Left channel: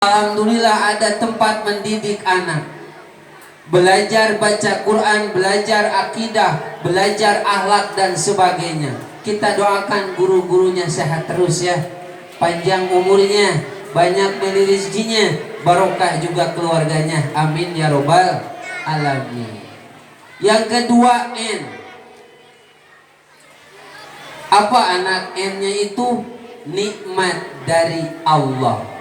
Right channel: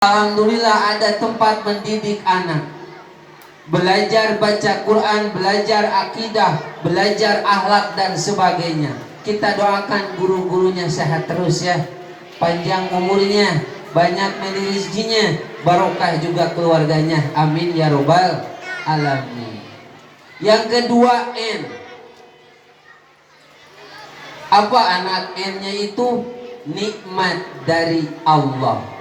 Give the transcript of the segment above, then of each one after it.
Alhamdulillah ada tempat mendidik anak. Belajar baca Quran, belajar akidah, belajar akhlak dan sebagainya. Kita doakan guru-gurunya sehat terus ya. Panjang umurnya, banyak dari rezekinya, barokah juga keluarganya. Amin ya robbal alamin. Yang kedua N. Apa anak N-nya itu? Nikmat dari Allah.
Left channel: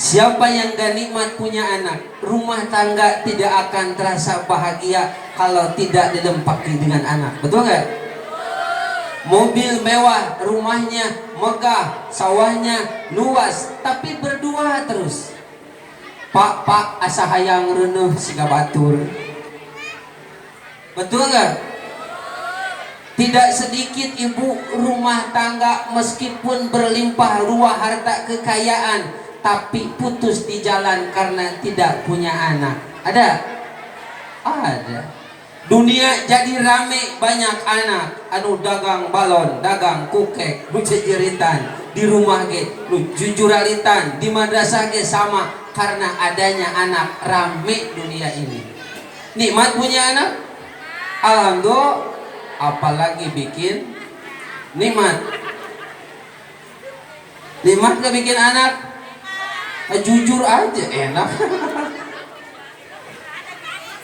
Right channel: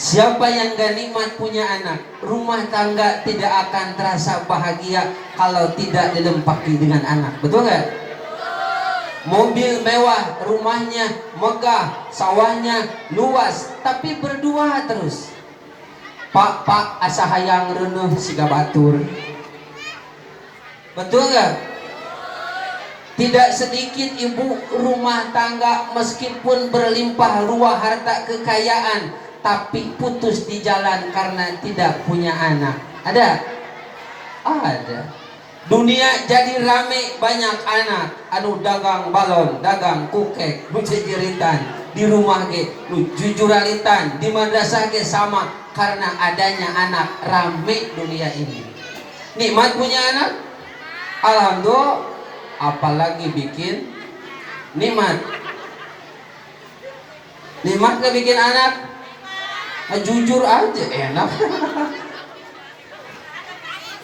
Siapa yang gak nikmat punya anak, rumah tangga tidak akan terasa bahagia kalau tidak dilempaki dengan anak. Betul gak? Mobil mewah, rumahnya megah, sawahnya luas, tapi berdua terus. Pak asa hayang reunuh siga batur. Betul gak? Tidak sedikit ibu rumah tangga meskipun berlimpah ruah harta kekayaan, tapi putus di jalan karena tidak punya anak. Ada? Ada. Dunia jadi rame banyak anak. Anu dagang balon, dagang kukek, nu jejeritan di rumah ge, nu jujuralitan di madrasah ge sama karena adanya anak. Rame dunia ini. Nikmat punya anak? Alhamdulillah. Apalagi bikin nikmat. Nikmat gak bikin anak? Jujur aja enak.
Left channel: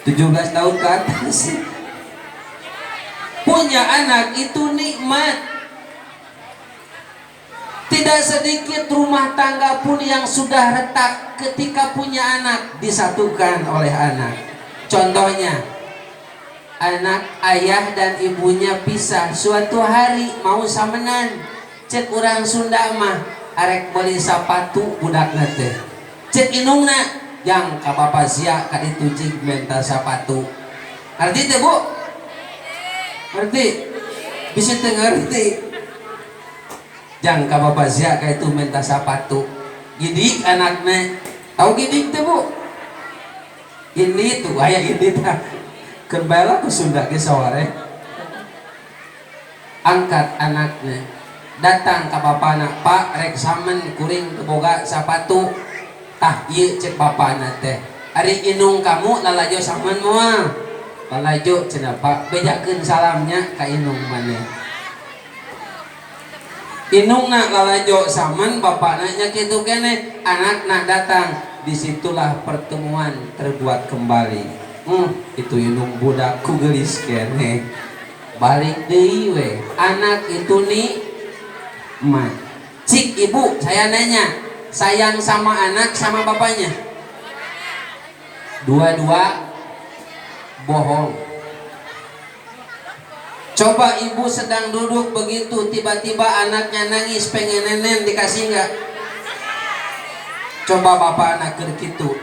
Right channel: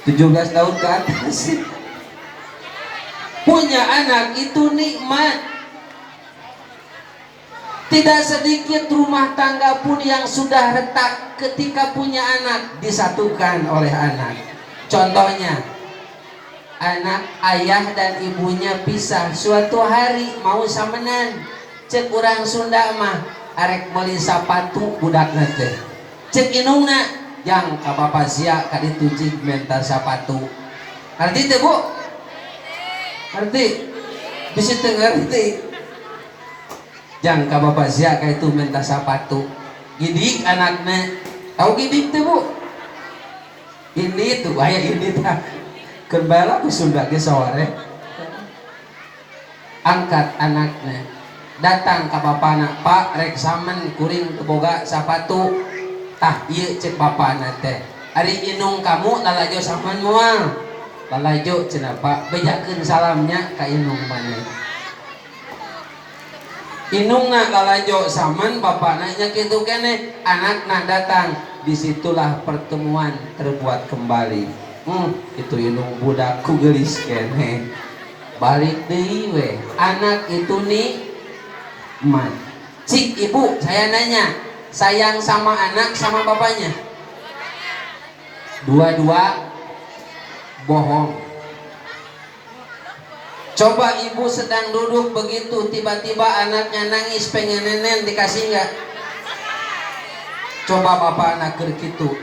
17 tahun ke atas punya anak itu nikmat. Tidak sedikit rumah tangga pun yang sudah retak ketika punya anak disatukan oleh anak. Contohnya, anak ayah dan ibunya pisah suatu hari mau samenan. Cek urang Sunda mah arek beli sapatu budak nate. Cek inungna yang ka bapa sia ka ditu cik minta sapatu. Ngerti teh Bu? Ngerti? Bisa teu ngerti? Jang ka bapa sia ka itu minta sapatu. Gidik anakna. Tahu gidik teh Bu? Ini tuh aya ini tah. Kembali ke Sunda ge saware. Angkat anaknya, datang ke bapana, Pak rek samen kuring boga sapatu. Tah ieu cek bapana teh. Ari inung kamu lalajo samen moal. Lalajo cenah Pak, bejakeun salamnya ka inung maneh. Inungna lalajo samen bapana nya kitu keneh, anakna datang. Disitulah pertemuan terbuat kembali. Itu inung budakku gelis kene. Balik deui we. Anak itu nikmat. Cik ibu, saya nanya, sayang sama anak sama bapaknya? Dua-dua bohong. Coba ibu sedang duduk begitu, tiba-tiba anaknya nangis pengen nenen, dikasih nggak? Coba bapak anak keur kitu,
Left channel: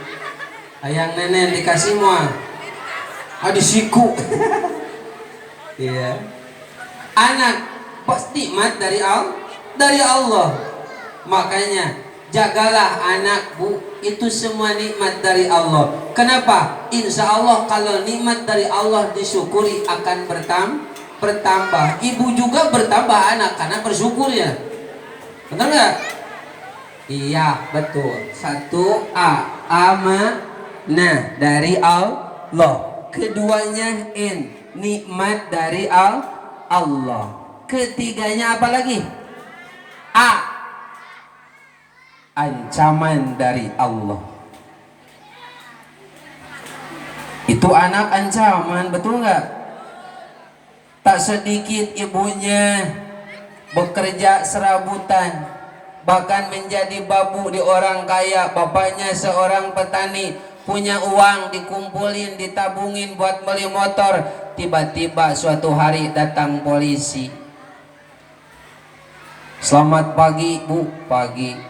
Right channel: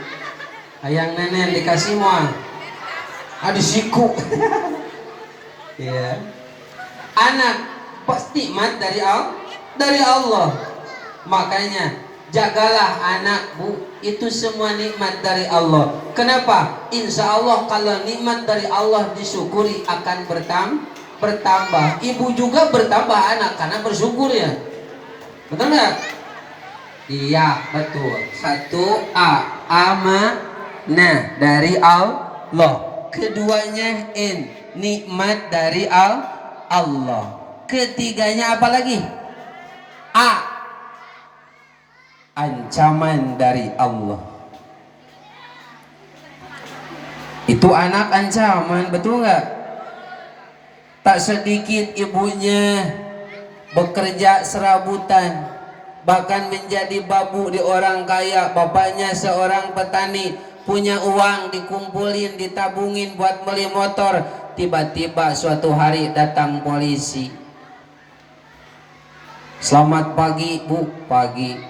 hayang nenen dikasih moal. Disiku. Ya. Anak pasti nikmat dari Allah. Makanya jagalah anak Bu, itu semua nikmat dari Allah. Kenapa? Insya Allah kalau nikmat dari Allah disyukuri akan bertambah. Ibu juga bertambah anak karena bersyukur ya. Betul nggak? Iya betul. 1A amanah dari Allah. Keduanya N, nikmat dari Allah. Ketiganya apa lagi? A, ancaman dari Allah. Itu anak ancaman, betul nggak? Tak sedikit ibunya bekerja serabutan, bahkan menjadi babu di orang kaya. Bapaknya seorang petani, punya uang dikumpulin, ditabungin buat beli motor. Tiba-tiba suatu hari datang polisi. Selamat pagi Bu. Pagi.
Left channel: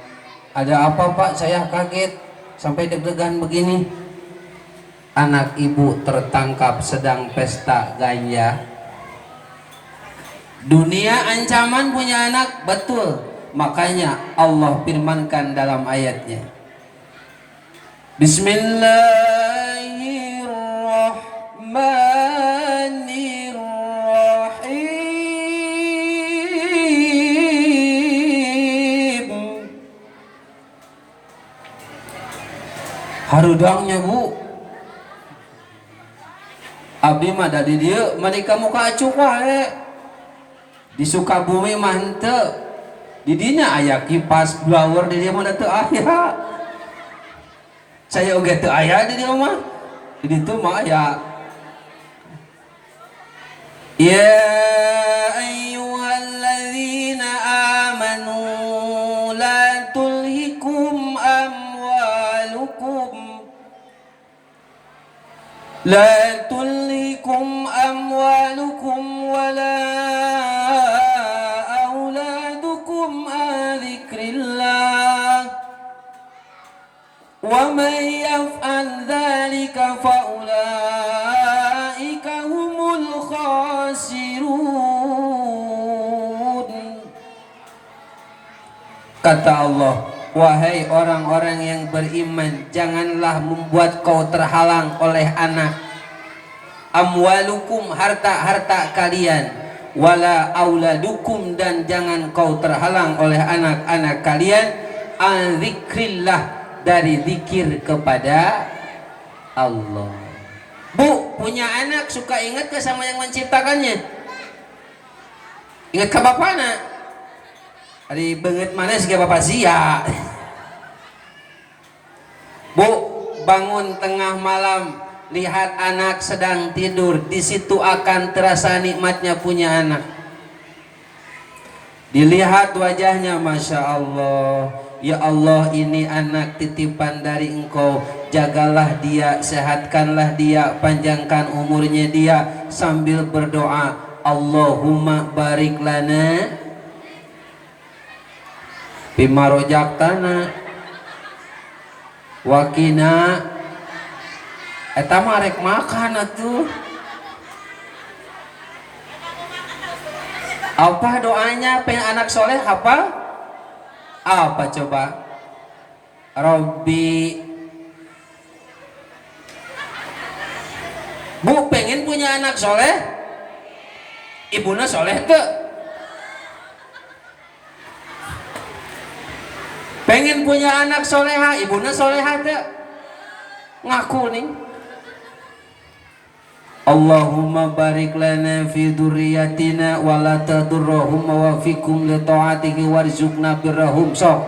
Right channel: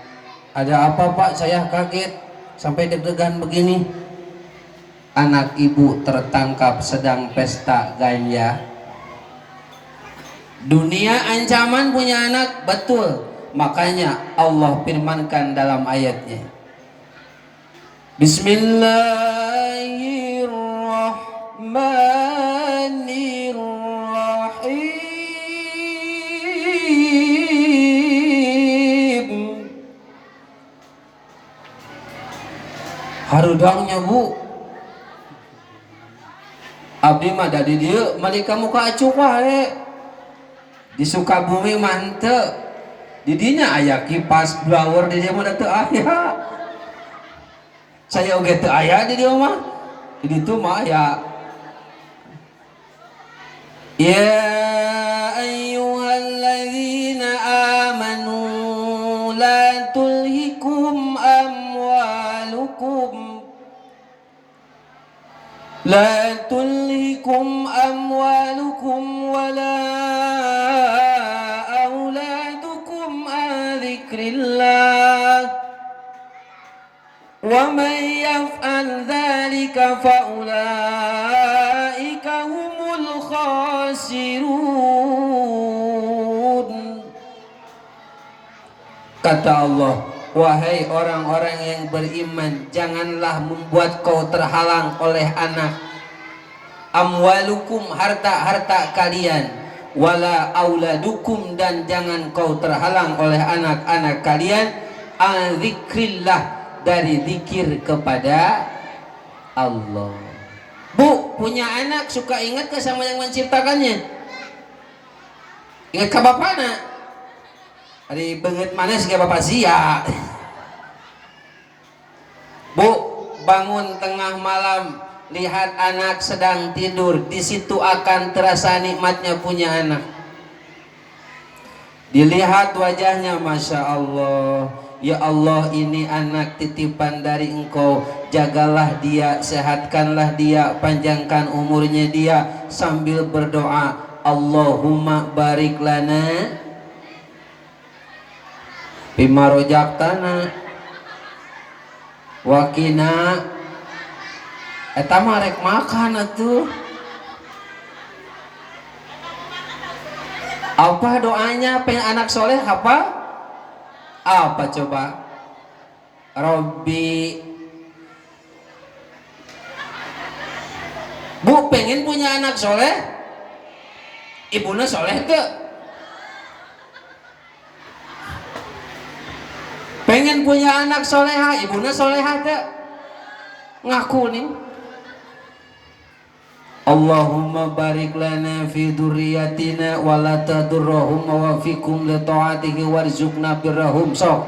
Ada apa Pak? Saya kaget sampai deg-degan begini. Anak ibu tertangkap sedang pesta ganja. Dunia ancaman punya anak, betul. Makanya Allah firmankan dalam ayatnya, Bismillahirrahmanirrahim. harudangnya Bu. Abdi mah dari dia mereka muka acuh wae. Di Sukabumi mah henteu. Di dinya aya kipas blower di dia mah teu aya. Saya oge teu aya di dia mah. Di ditu mah aya. Ya ayyuhalladzina amanu la tulhikum amwalukum لا تلهكم أموالكم ولا أولادكم عن ذكر الله ومن يفعل ذلك فأولئك هم الخاسرون. Kata Allah, wahai orang-orang yang beriman, janganlah membuat kau terhalang oleh anak. Amwalukum, harta-harta kalian. Wala auladukum, dan jangan kau terhalang oleh anak-anak kalian. An zikrillah, dari zikir kepada Allah. Bu, punya anak suka ingat ke sama yang menciptakannya? Ingat ke bapaknya? Hari banget manis ke bapak sia. Bu, bangun tengah malam, lihat anak sedang tidur, di situ akan terasa nikmatnya punya anak. Dilihat wajahnya, Masya Allah, ya Allah, ini anak titipan dari Engkau, jagalah dia, sehatkanlah dia, panjangkan umurnya dia, sambil berdoa, Allahumma barik lana bima rojaktana wakina. Eta mah rek makan atuh. Apa doanya pengen anak soleh apa? Apa coba? Robbi. Bu, pengen punya anak soleh? Ibunya soleh ke? Pengen punya anak soleha, ibunya soleha ke? Ngaku nih. Allahumma barik lana fi dzurriyyatina wa la tadurrahum wa fikum li ta'atihi warzuqna birrahum. Sok.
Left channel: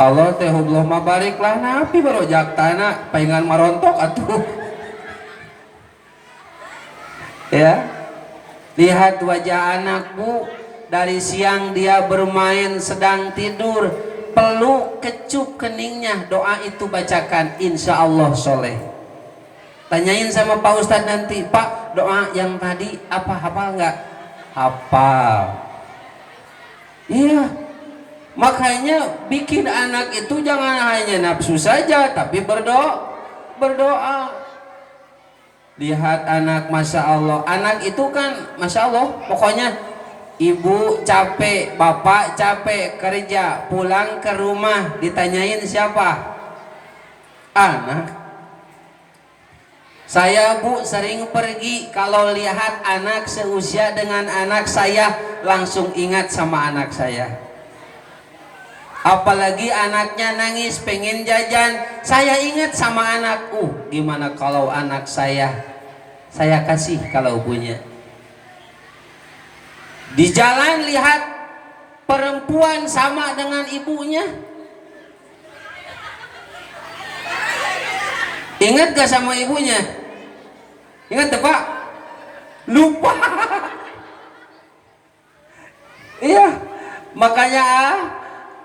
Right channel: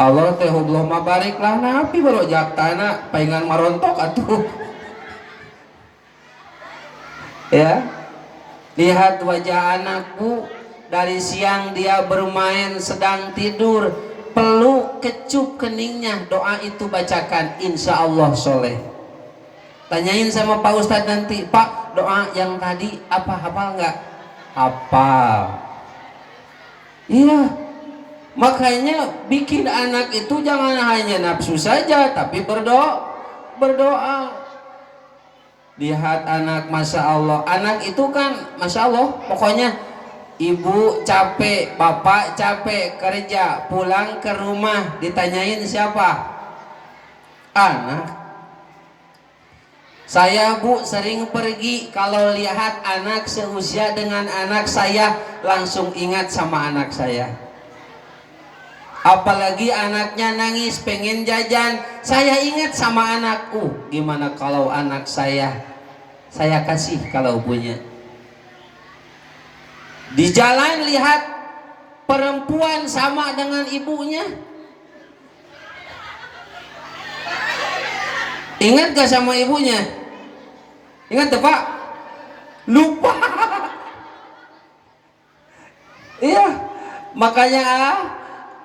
Allah teh Allahumma barik lana fi barojaktana, pengen marontok atuh. Ya. Lihat wajah anakmu, dari siang dia bermain sedang tidur, peluk kecup keningnya, doa itu bacakan, insya Allah soleh. Tanyain sama Pak Ustadz nanti, Pak doa yang tadi apa hafal nggak? Hafal. Iya, makanya bikin anak itu jangan hanya nafsu saja, tapi berdoa. Lihat anak, Masya Allah, anak itu kan Masya Allah, pokoknya ibu capek, bapak capek kerja, pulang ke rumah ditanyain siapa? Anak. Saya Bu sering pergi, kalau lihat anak seusia dengan anak saya langsung ingat sama anak saya. Apalagi anaknya nangis pengen jajan, saya ingat sama anak. Gimana kalau anak saya kasih kalau punya. Di jalan lihat perempuan sama dengan ibunya, ingat gak sama ibunya? Ingat ya Pak? Lupa. Iya, makanya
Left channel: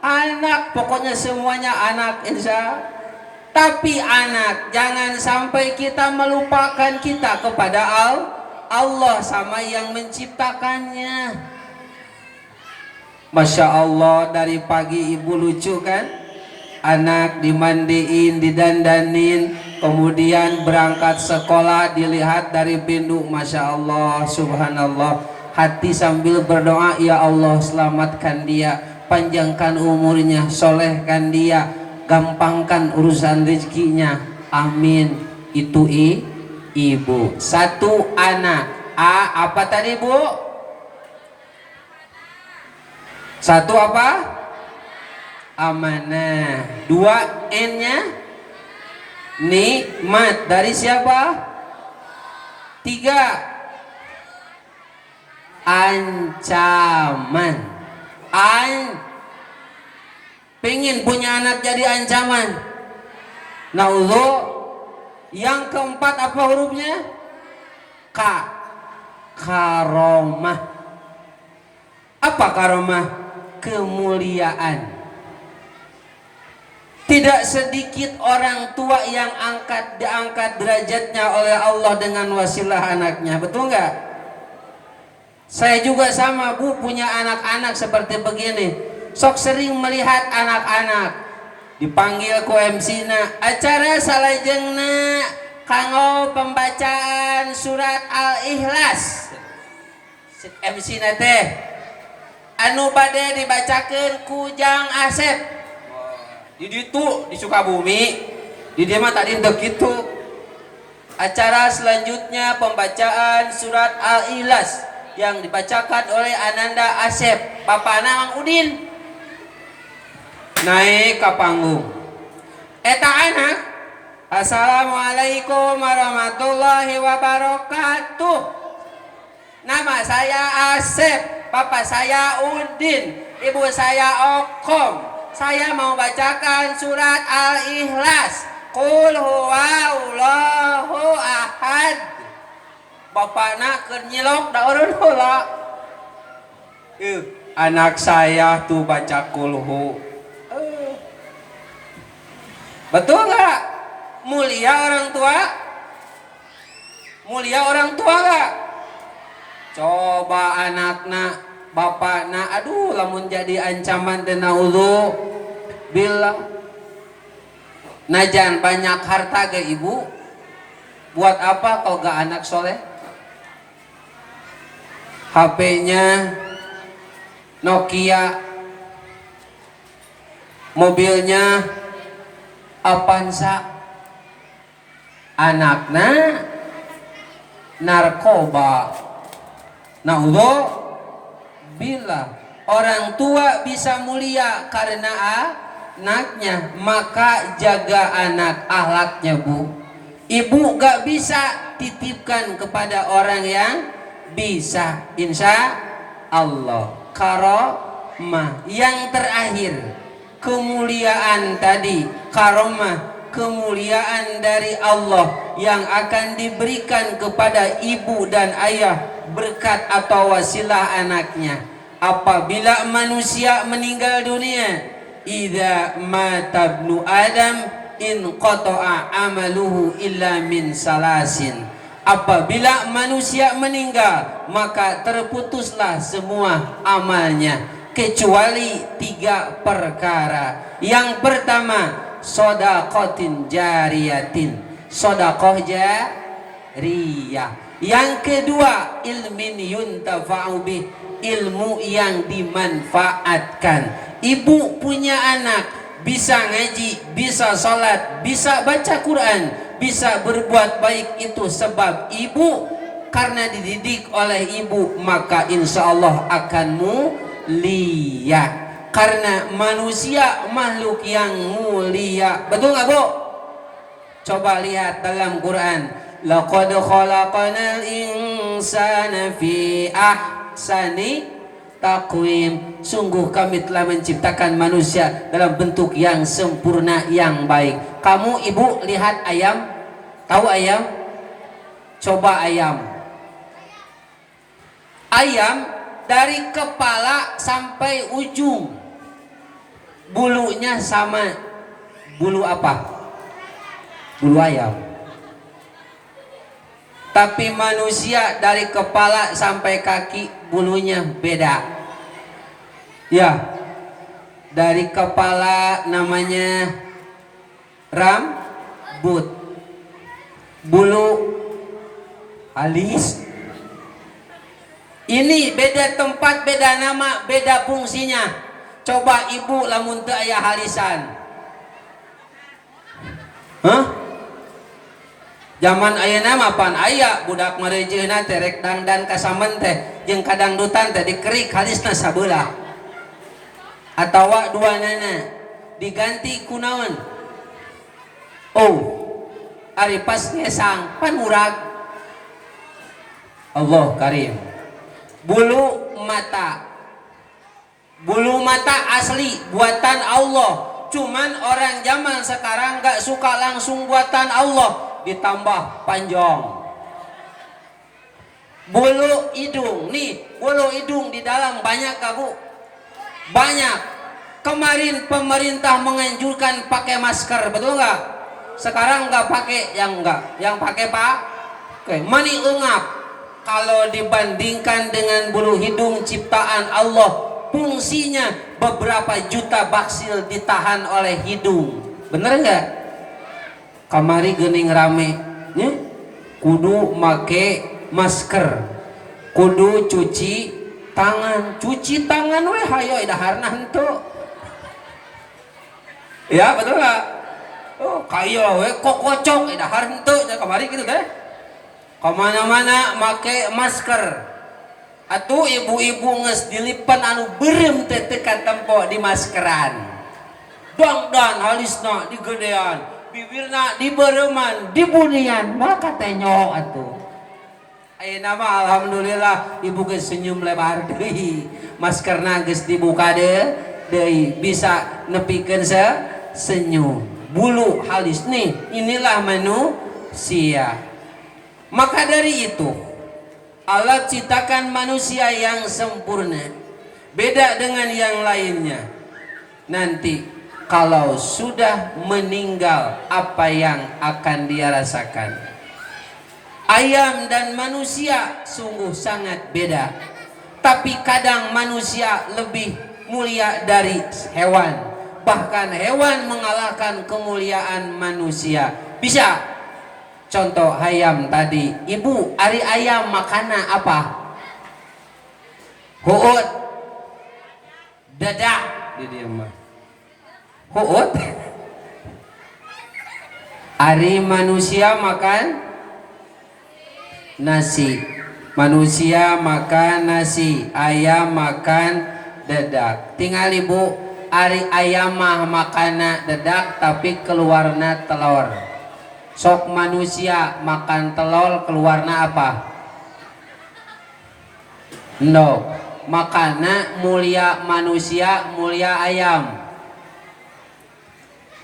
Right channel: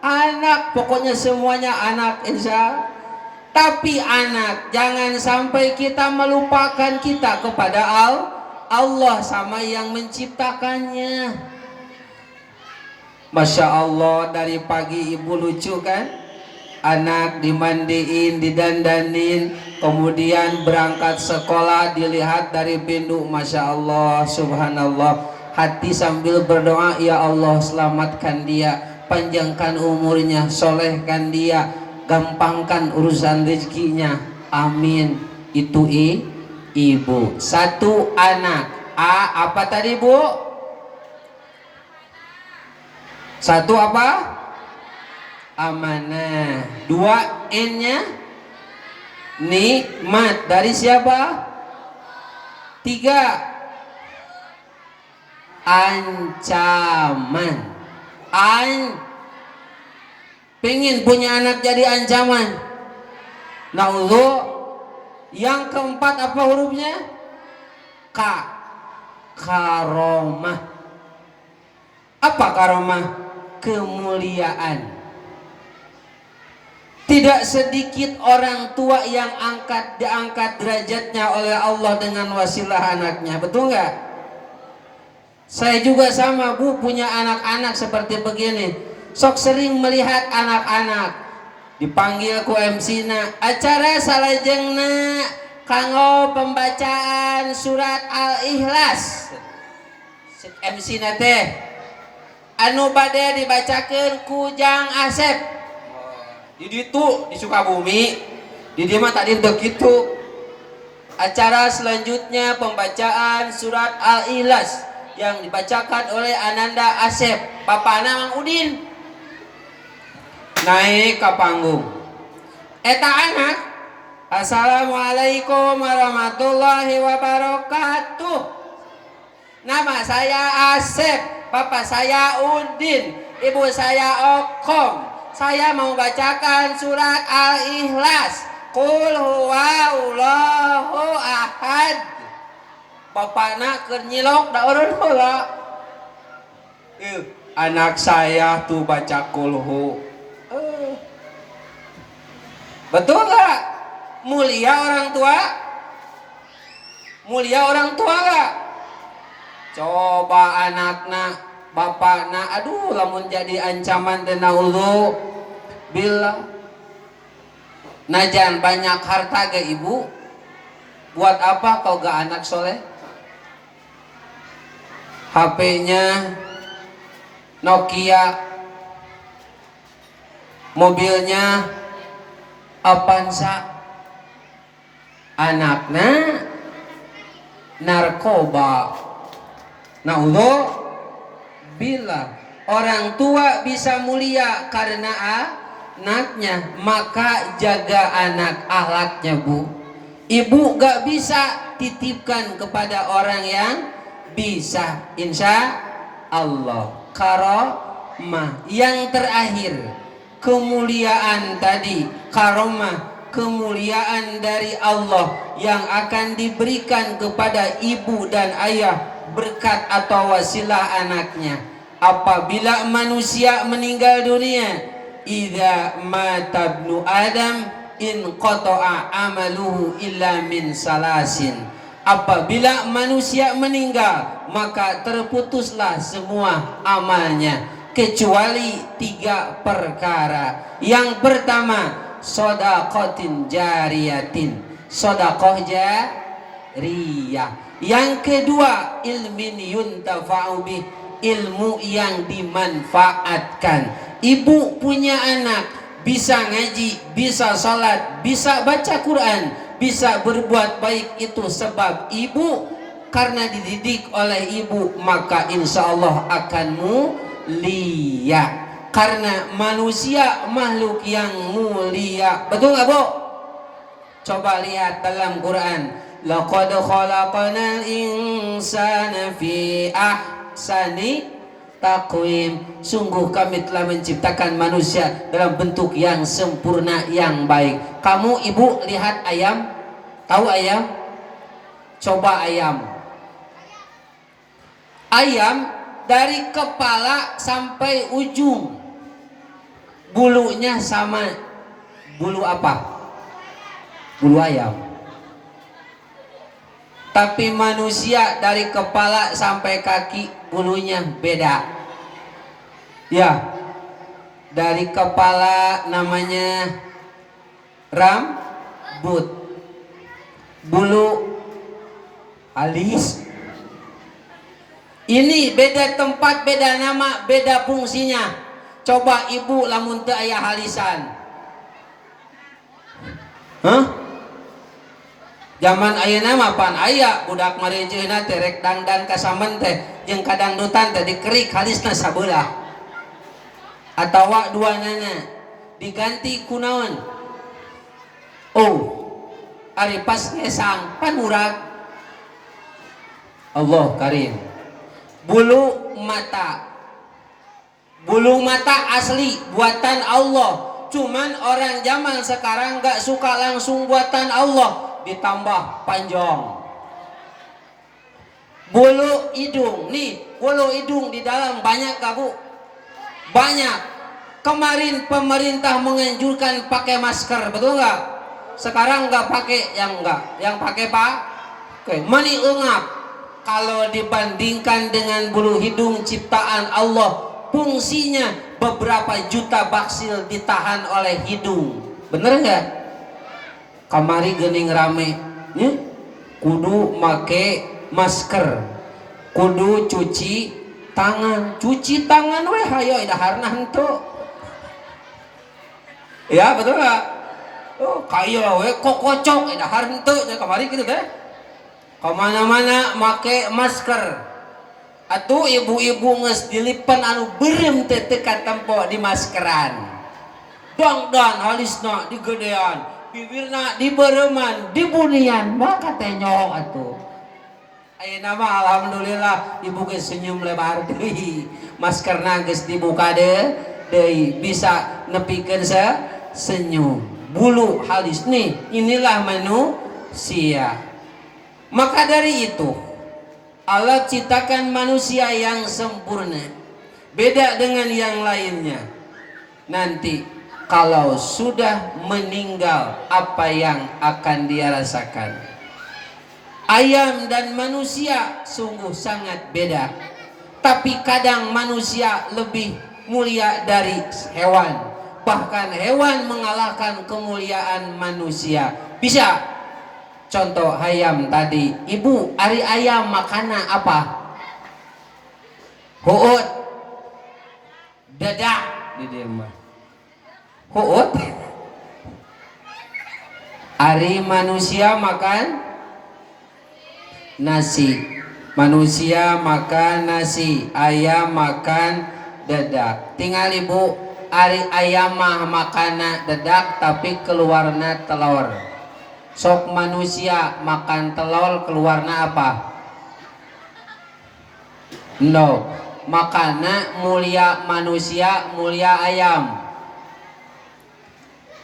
anak, pokoknya semuanya anak insya. Tapi anak, jangan sampai kita melupakan kita kepada Allah sama yang menciptakannya. Masya Allah, dari pagi ibu lucu kan? Anak dimandiin, didandanin, kemudian berangkat sekolah, dilihat dari pintu, Masya Allah, Subhanallah. Hati sambil berdoa, ya Allah selamatkan dia, panjangkan umurnya, solehkan dia, gampangkan urusan rezekinya, amin. Itu ibu. Satu anak. Apa tadi Bu? Satu apa? amanah. Dua N-nya nikmat. Dari siapa? Tiga ancaman. Pengen punya anak jadi ancaman. Nah, yang keempat apa hurufnya? K. Karomah. Apa karomah? Kemuliaan. Tidak sedikit orang tua yang diangkat derajatnya oleh Allah dengan wasilah anaknya. Betul nggak? Saya juga sama, Bu, punya anak-anak seperti begini. Sok sering melihat anak-anak dipanggil ku MC-na acara salajengna kanggo pembacaan surat Al-Ikhlas. MC-na teh anu bade dibacakeun ku Jang Asep. Di ditu di Sukabumi, di dia mah tadi untuk itu. Acara selanjutnya pembacaan surat Al-Ikhlas yang dibacakan oleh Ananda Asep, Papana Mang Udin. Naik ke panggung. Eta anak, Assalamualaikum warahmatullahi wabarakatuh. Nama saya Asep, Papa saya Udin, Ibu saya Okom. Saya mau bacakan surat Al-Ikhlas. Qul huwallahu ahad. Bapakna keur nyilok da urun heula. Anak saya tuh baca kulhu. Betul nggak? Mulia orang tua? Mulia orang tua nggak? Coba anakna, bapakna, aduh lamun jadi ancaman dan naudzu billah. Najan banyak harta ge ibu, buat apa kalau gak anak soleh? HP-nya Nokia, mobilnya Avanza, anakna narkoba. Naudzu billah. Orang tua bisa mulia karena anaknya, maka jaga anak akhlaknya, Bu. Ibu gak bisa titipkan kepada orang yang bisa, insya Allah. Karomah yang terakhir, kemuliaan tadi, karomah, kemuliaan dari Allah yang akan diberikan kepada ibu dan ayah berkat atau wasilah anaknya. Apabila manusia meninggal dunia, idza mata ibnu adam in qata'a amaluhu illa min salasin. Apabila manusia meninggal, maka terputuslah semua amalnya kecuali 3 perkara. Yang pertama, shadaqatin jariyatin, sedekah jariyah. Yang kedua, ilmin yuntafa'u bih, ilmu yang dimanfaatkan. Ibu punya anak bisa ngaji, bisa sholat, bisa baca Quran, bisa berbuat baik, itu sebab ibu. Karena dididik oleh ibu, maka insya Allah akan mulia. Karena manusia makhluk yang mulia. Betul gak, Bu? Coba lihat dalam Quran. Laqad khalaqanal insana fi ahsani taqwim. Sungguh kami telah menciptakan manusia dalam bentuk yang sempurna, yang baik. Kamu ibu lihat ayam, tahu ayam? Coba ayam. Ayam dari kepala sampai ujung bulunya sama. Bulu apa? Bulu ayam. Tapi manusia dari kepala sampai kaki bulunya beda. Ya, dari kepala namanya rambut, bulu alis. Ini beda tempat, beda nama, beda fungsinya. Coba ibu lamun teu aya halisan. Zaman ayeuna mah pan aya budak merejeuna teh rek dangdan ka samen teh jeung kadangdutan teh dikerik halisna sabeula atawa duanana. diganti kunaon. Oh, ari pas ngesang panurag. Allah karim. Bulu mata asli buatan Allah, cuman orang zaman sekarang gak suka langsung buatan Allah, ditambah panjang. Bulu hidung nih, bulu hidung di dalam banyak gak bu? Banyak. Kemarin pemerintah menganjurkan pakai masker, betul gak? Sekarang gak pakai, yang pakai pak? Oke, mani ungap. Kalau dibandingkan dengan bulu hidung ciptaan Allah, fungsinya beberapa juta baksil ditahan oleh hidung. Bener nggak? Kamari geuning rame, nih kudu make masker, kudu cuci tangan weh hayo daharna henteu. Ya betul nggak? Oh kayo weh kokocok dahar henteu kamari gitu deh. Kemana-mana make masker. Atuh ibu-ibu nges dilipan anu berem tetekan tempo di maskeran. Dangdan halisna digedean, bibirna dibereman, dibunian, maka tenyok atuh. Ayeuna mah alhamdulillah ibu geus senyum lebar deui. Maskerna geus dibuka deui bisa nepikeun senyum. Bulu halis nih, inilah manusia. Maka dari itu Allah ciptakan manusia yang sempurna, beda dengan yang lainnya. Nanti kalau sudah meninggal, apa yang akan dia rasakan? Ayam dan manusia sungguh sangat beda. Tapi kadang manusia lebih mulia dari hewan. Bahkan hewan mengalahkan kemuliaan manusia. Bisa. Contoh ayam tadi, ibu ari ayam makanna apa? Huut, dadak, di dia mah. Huut. Ari manusia makan nasi. Manusia makan nasi, ayam makan dadak. Tinggal ibu ari ayam mah makanna dadak tapi keluarna telur. Sok manusia makan telur keluarna apa? No, makanna mulia manusia, mulia ayam.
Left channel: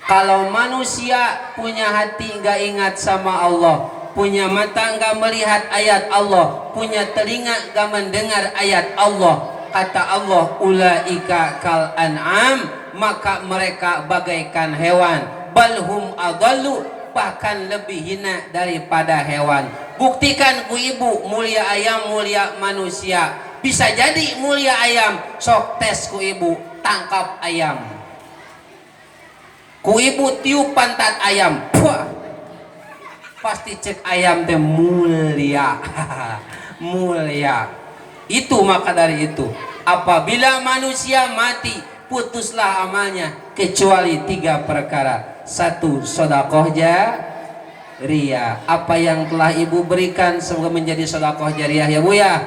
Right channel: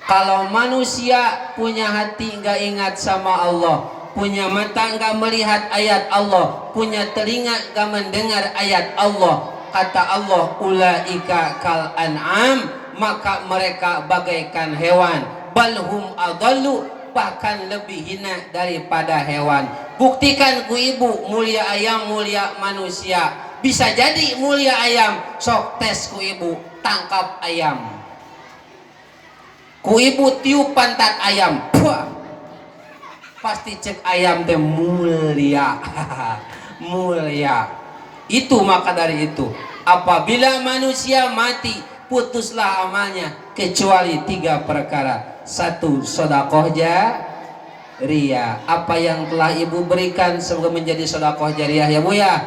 Kalau manusia punya hati nggak ingat sama Allah, punya mata nggak melihat ayat Allah, punya telinga nggak mendengar ayat Allah, kata Allah ulaika kal an'am, maka mereka bagaikan hewan, balhum adallu, bahkan lebih hina daripada hewan. Buktikan ku ibu mulia ayam mulia manusia. Bisa jadi mulia ayam, sok tes ku ibu tangkap ayam, ku ibu tiup pantat ayam, puah, pasti cek ayam teh mulia. Mulia. Itu maka dari itu apabila manusia mati putuslah amalnya kecuali 3 perkara. 1. Sedekah jariyah. Apa yang telah ibu berikan semoga menjadi sedekah jariyah ya bu ya.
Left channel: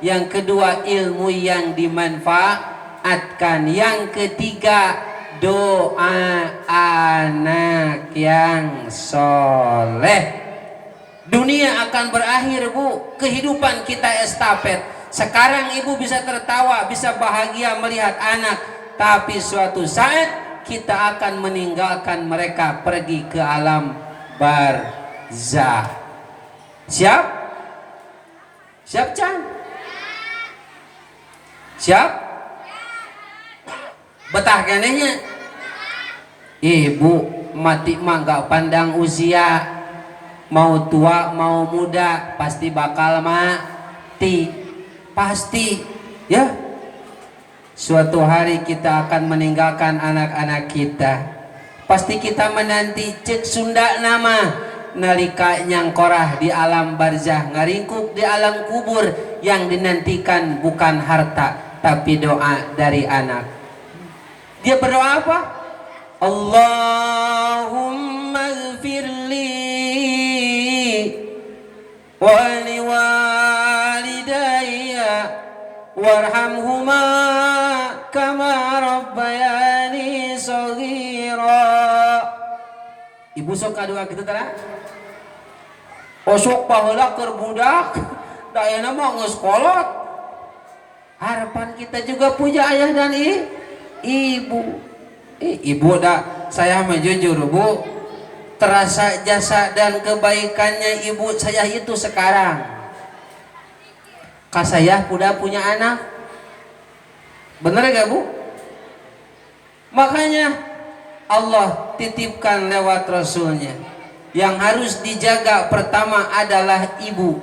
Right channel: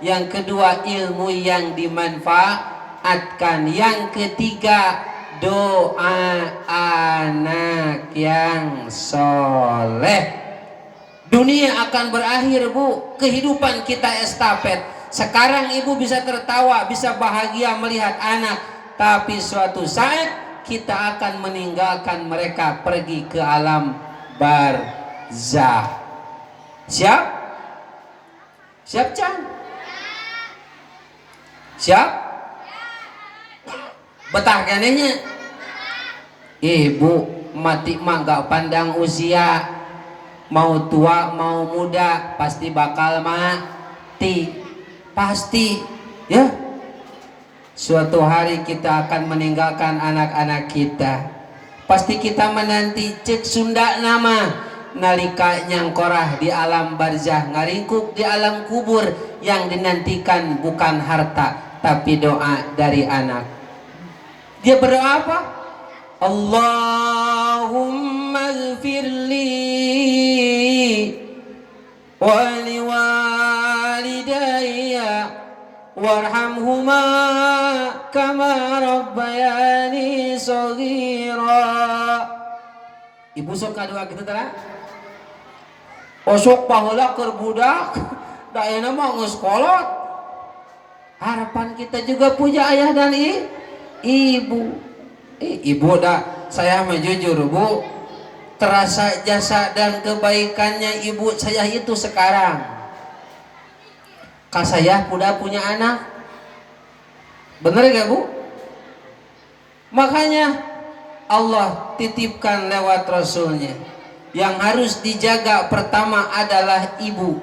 Yang kedua ilmu yang dimanfaatkan. Yang ketiga doa anak yang soleh. Dunia akan berakhir bu, kehidupan kita estafet. Sekarang ibu bisa tertawa, bisa bahagia melihat anak, tapi suatu saat kita akan meninggalkan mereka pergi ke alam barzah. Siap? Siap Cang? Siap? Betah kenehnya? Ibu mati mah gak pandang usia, mau tua mau muda pasti bakal mati, pasti ya. Suatu hari kita akan meninggalkan anak-anak kita. Pasti kita menanti cek Sunda nama nalika nyangkorah di alam barzah, ngaringkuk di alam kubur. Yang dinantikan bukan harta tapi doa dari anak. Dia berdoa apa? Allahumma ighfirli wa liwalidayya warhamhuma kama rabbayani shaghira. saghira. Ibu sok kadua kitu tah. Osok baheula keur budak, da ayeuna mah geus kolot. Harapan kita juga punya ayah dan ibu. Ibu dah, saya mah jujur Bu, terasa jasa dan kebaikannya ibu saya itu sekarang. Saya udah punya anak, bener gak Bu? Makanya Allah titipkan lewat Rasulnya, yang harus dijaga pertama adalah ibu.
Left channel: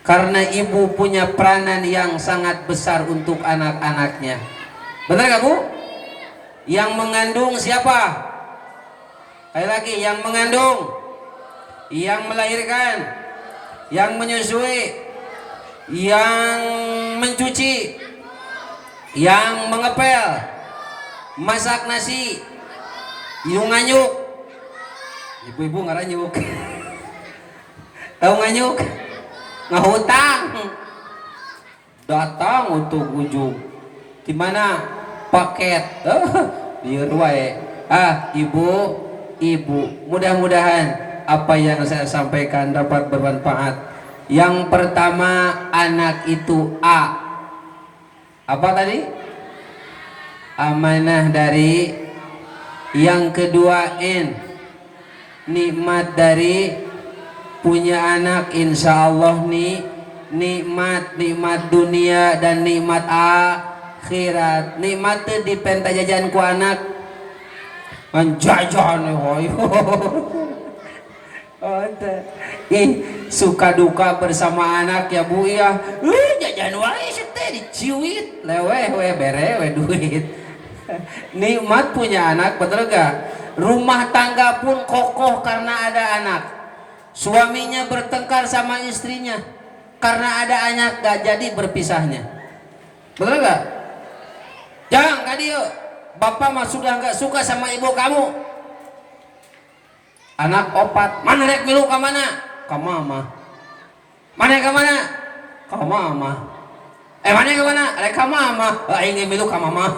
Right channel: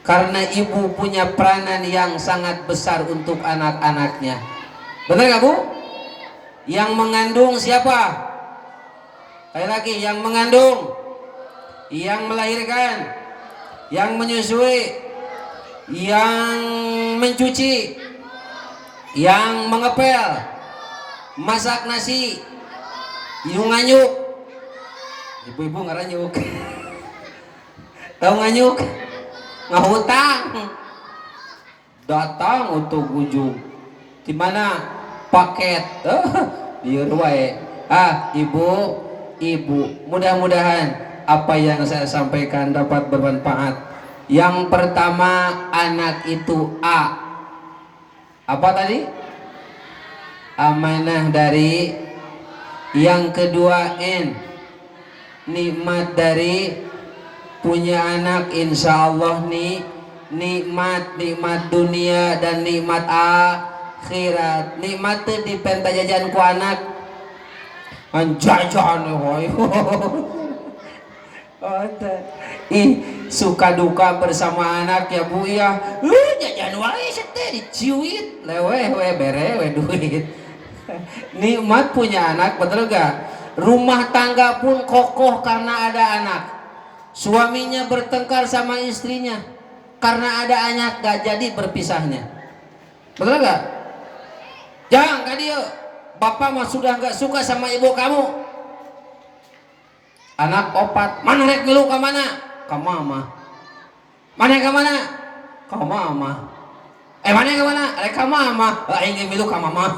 Karena ibu punya peranan yang sangat besar untuk anak-anaknya. Bener gak Bu? Yang mengandung siapa? Sekali lagi, yang mengandung, yang melahirkan, yang menyusui, yang mencuci, yang mengepel, masak nasi, hidung nganyuk. Ibu-ibu ngaranyuk. Tahu nganyuk? Ngahutang. Datang untuk ujung. Di mana paket? Biar wae. Ibu, mudah-mudahan apa yang saya sampaikan dapat bermanfaat. Yang pertama, anak itu apa tadi? Amanah dari. Yang kedua, nikmat dari punya anak. Insya Allah nih nikmat dunia dan nikmat akhirat. Nikmat itu dipenta jajan ku anak jajan suka duka bersama anak ya Bu ya. Jajan wae teh diciwit lewe bere duit. Nikmat punya anak, betul gak? Rumah tangga pun kokoh karena ada anak. Suaminya bertengkar sama istrinya karena ada anak, gak jadi berpisahnya. Betul gak? Jangan kadio, bapak mah sudah gak suka sama ibu kamu. Anak opat, mana rek milu ka mana? Ka mama. Mana ka mana? Ka mama. Mana ka mana? Rek ka mama. Ini milu ka mama.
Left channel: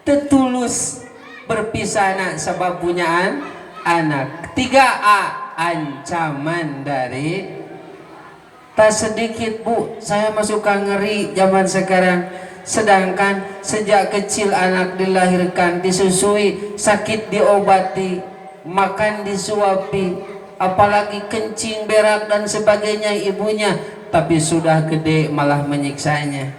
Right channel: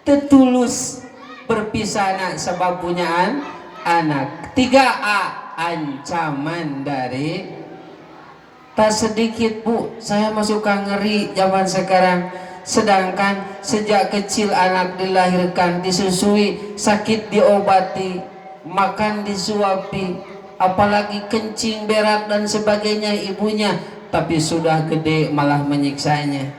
Tetulus perpisahan sebab punya anak. 3A, ancaman dari. Tak sedikit Bu, saya masuk ngeri zaman sekarang. Sedangkan sejak kecil anak dilahirkan, disusui, sakit diobati, makan disuapi, apalagi kencing, berak dan sebagainya ibunya, tapi sudah gede malah menyiksanya.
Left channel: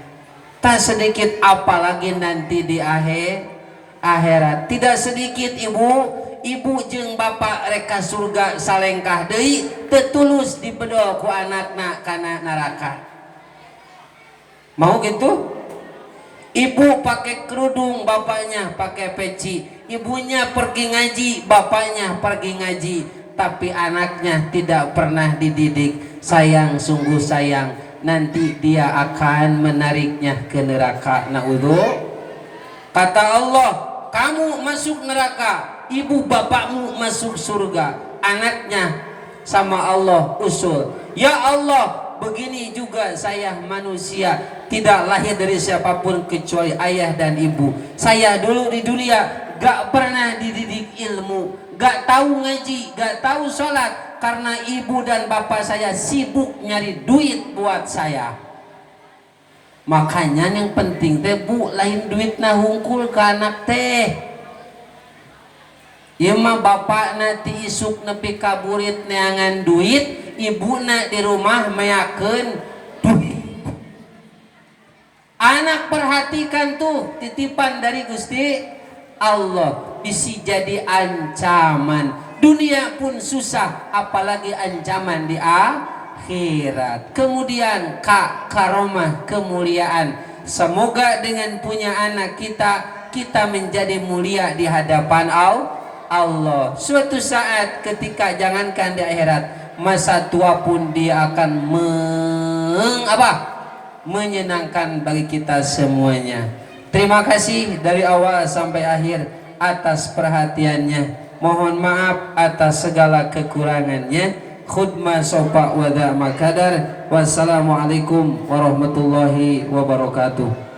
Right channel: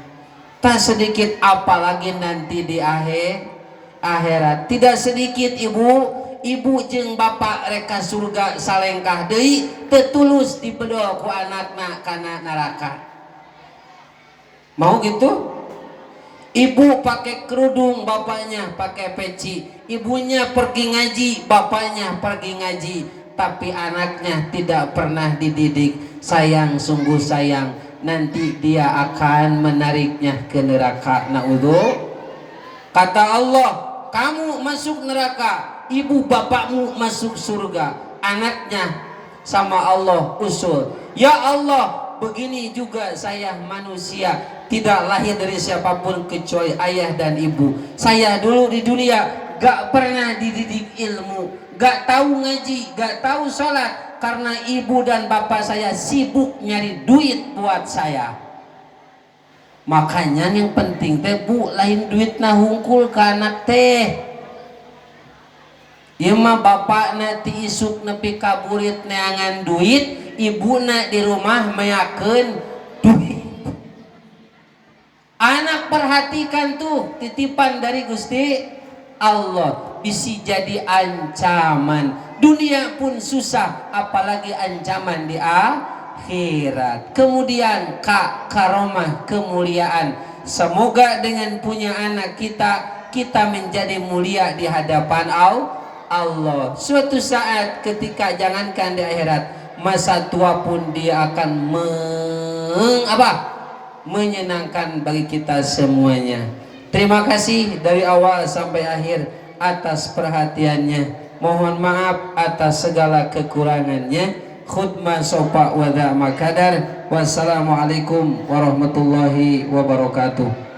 Tak sedikit apalagi nanti di akhirat. Tidak sedikit ibu jeung bapak reka surga salengkah deui tetulus dipedol ku anakna kana neraka. Mau gitu? Ibu pakai kerudung, bapaknya pakai peci. Ibunya pergi ngaji, bapaknya pergi ngaji, tapi anaknya tidak pernah dididik. Sayang, sungguh sayang. Nanti dia akan menariknya ke neraka. Naudzu. Kata Allah, kamu masuk neraka, ibu bapakmu masuk surga. Anaknya sama Allah usul, ya Allah, begini juga saya manusia, tidak lahir dari siapapun kecuali ayah dan ibu. Saya dulu di dunia gak pernah dididik ilmu, gak tahu ngaji, gak tahu sholat, karena ibu dan bapak saya sibuk nyari duit buat saya. Makanya yang penting teh Bu, lain duit na hungkul ke anak teh. Ieu mah bapakna ti isuk nepi kaburit neangan duit, ibuna di rumah meyakeun duit. Anak perhatikan tuh titipan dari Gusti Allah, bisi jadi ancaman. Dunia pun susah, apalagi ancaman di akhirat. Kemudian karomah, kemuliaan. Semoga dengan punya anak kita menjadi mulia di hadapan Allah. Suatu saat ketika jangankan di akhirat, masa tua pun dia akan menyenangkan bagi kita semuanya. Terima kasih dari awal sampai akhir atas perhatiannya. Mohon maaf atas segala kekurangannya. Khutbah sopa wada makadar. Wassalamualaikum warahmatullahi wabarakatuh.